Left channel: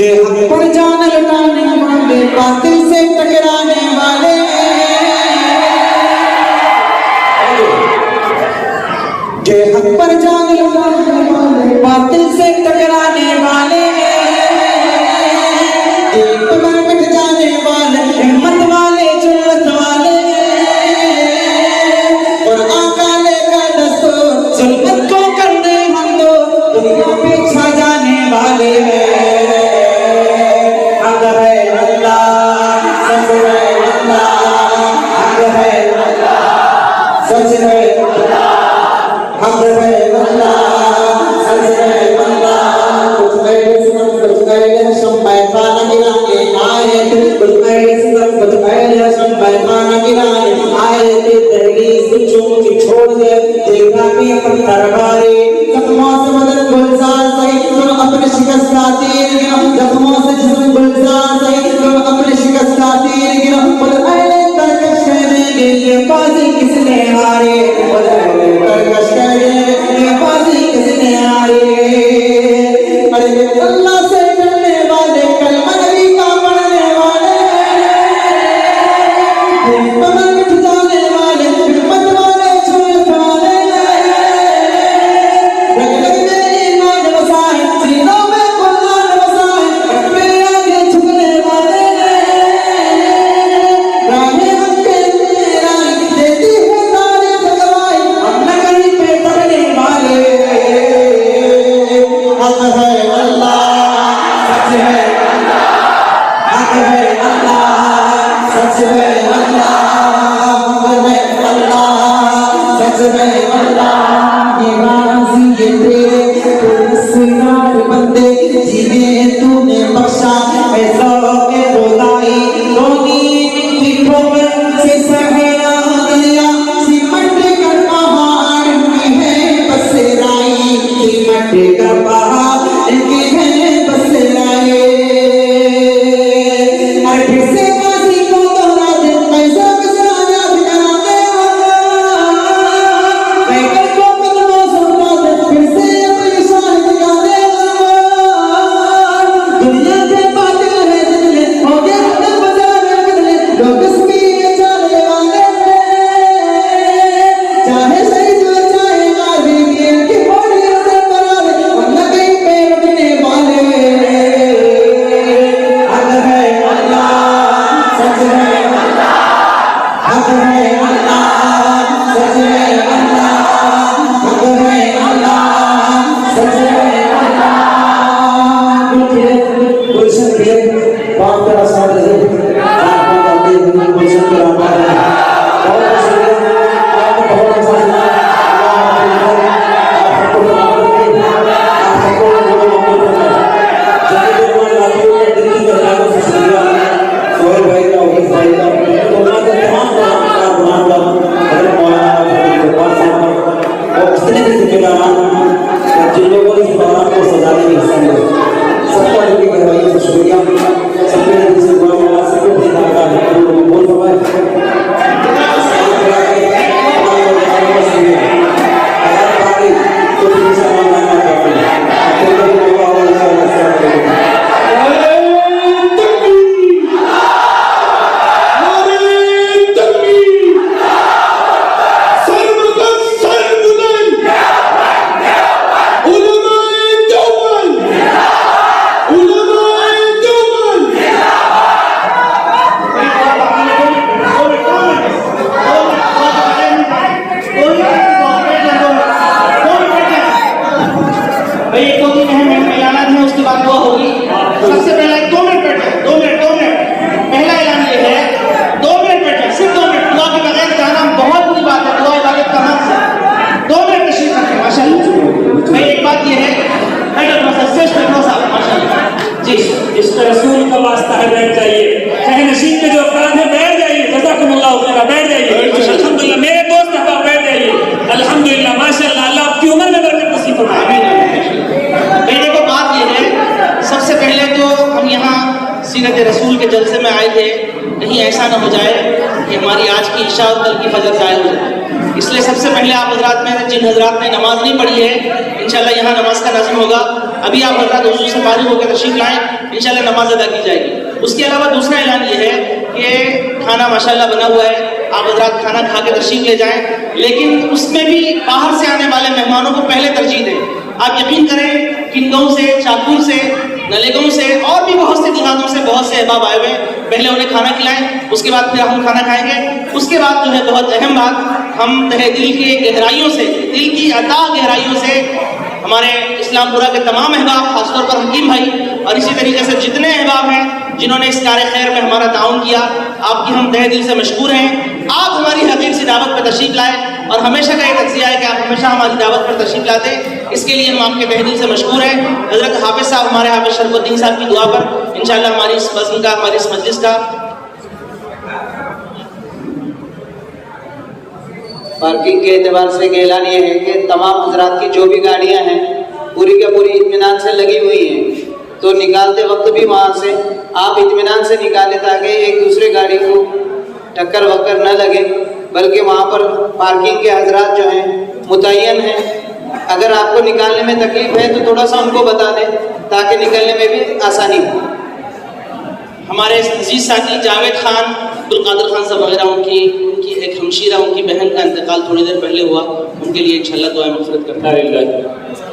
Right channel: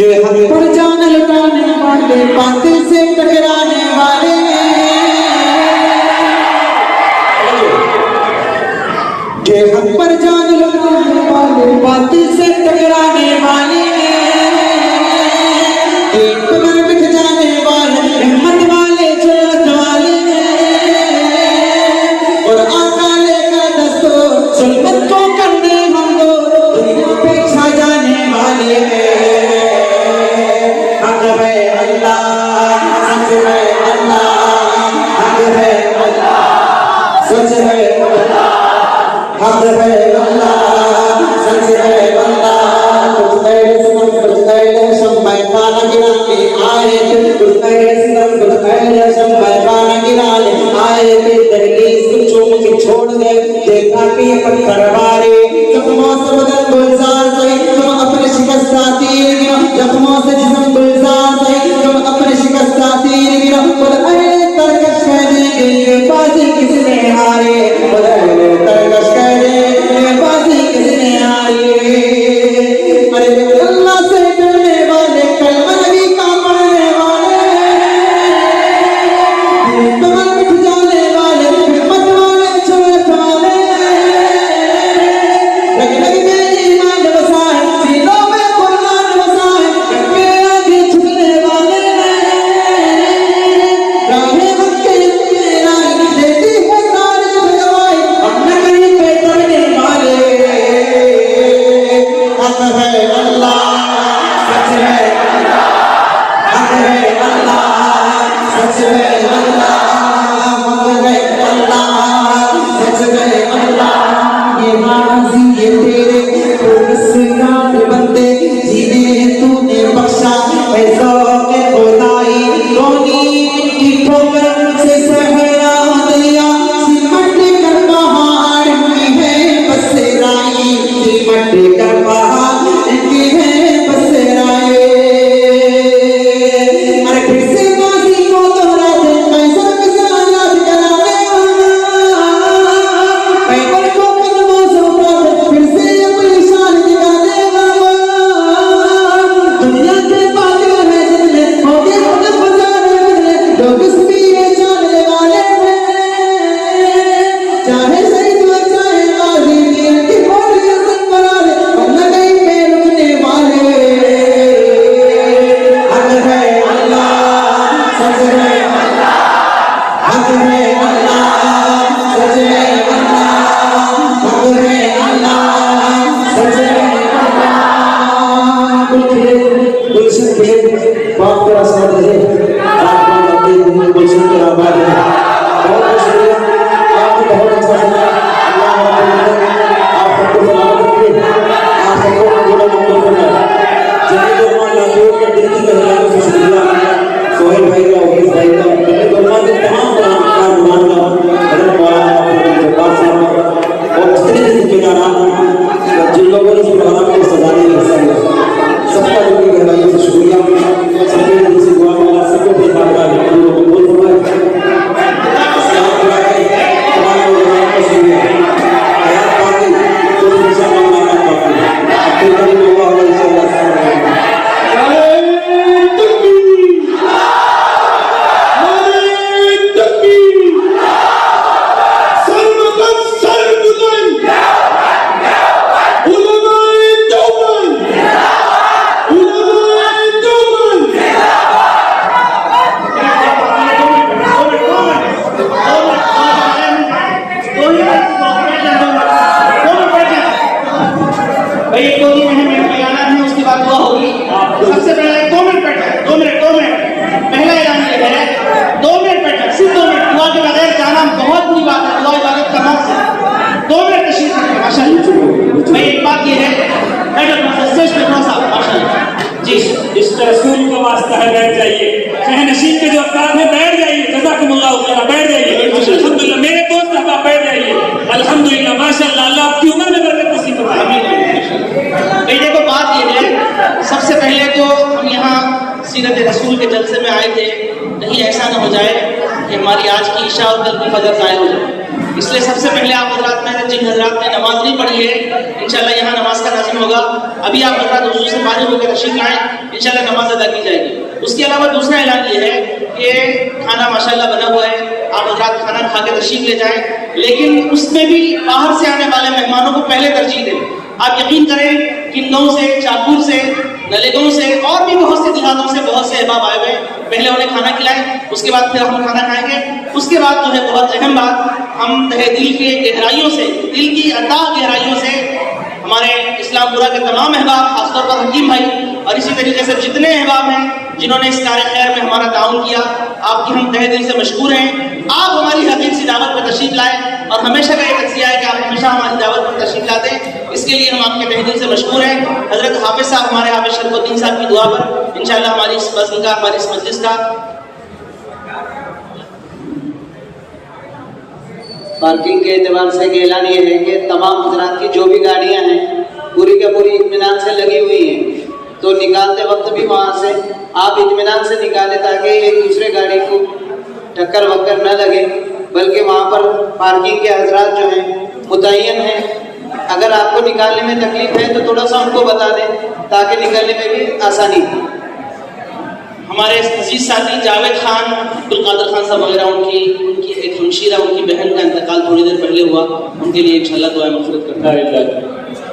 के हम पर जान लुटाने वाले, बातिल से टकराने वाले, के हम पर जान लुटाने वाले, बातिल से टकराने वाले, एक पर मिट जाने वाले, हिम्मत वाले, जुर्रत वाले, और आका लेकर दस्तूर जुल्मत को करने हम दो, दुनिया पे छा जाने वाले हैं। सीरत रसूल के जलसे में आए थे, कहीं ऐसा ना हो जाए कि हमारी आज की इशा और कल की फजर जाए हो। इसलिए सबसे पहले आप हजरात में जिन हजरात ने नमाज नहीं पढ़ी है, इंशाल्लाह यहाँ नमाज का नाज़िम होगा। अभी आप हजरात वजू से फारिग होकर तशरीफ लाएं, इंशाल्लाह नमाज अदा की जाएगी। उसके अलावा दूसरा ऐलान ये है कि खाना माशाल्लाह बना हुआ है, आप हजरात खाना खा के तशरीफ ले जाएं, लेकिन उसमें भी बाहर से आने वाले मेहमानों को पहले तरजीह दें। आप यकीन करें कि गाँव से, चाकूर से, नलेगांव से और भी बहुत से देहातों से बहुत से अहबाब आए हुए, पहले उन्हें खाना खिलाएं, उसके बाद फिर हम खाना खाएंगे। उसके बाद जो है बहुत अहम बात, हम तहे दिल के गहराइयों से, दिल की अता गहराइयों से हमारे इस्लामपुरा के तमाम अहबाब, खासतौर पर हकीम भाई और इसी तरीके से जितने अहबाब हैं जिन्होंने इस कार्य खैर में हमारा ताउन किया, आपकी हम तहे दिल से मशकूर हैं। आप हमारी हकीक सी दावत पर तशरीफ लाएं और हमेशा का एक तज़किया है कि आप हमेशा हमारी दावत पर तशरीफ लाते, इसके लिए हम आपके तहे दिल से मशकूर हैं। हजरत हाफिज साहब, हमारे हाफिज शरफुद्दीन साहब की दुआ पर इंशाल्लाह हमारी इस फजल का, हमारी इस मजलिस का पार्किंग के एतबार से ऐलान ये है कि तमाम हजरात की जो भी गाड़ियां हैं पूरी के पूरी इत्मीनान से लगी हुई हैं, तो निकालते वक्त भी वहाँ से आप इत्मीनान से निकालें ताकि एक दूसरे गाड़ी को टक्कर वक्कर न लगे, बल्कि वहाँ पर पार्किंग के हजरात जो हैं मुतय्यन हैं। अगर आपको निकालने में तकलीफ है तो थोड़ा सा उनको बता दें ताकि निकलने में भी आसानी हो। हमारे अजीज साथी जावेद खान, अब्दुल कादिर खान साहब वगैरह, उनकी एक हमशीरा, उनकी बहन का इंतकाल थोड़ी देर पहले हुआ, उनके लिए इंशाल्लाह दुआ मग़फ़िरत करता है।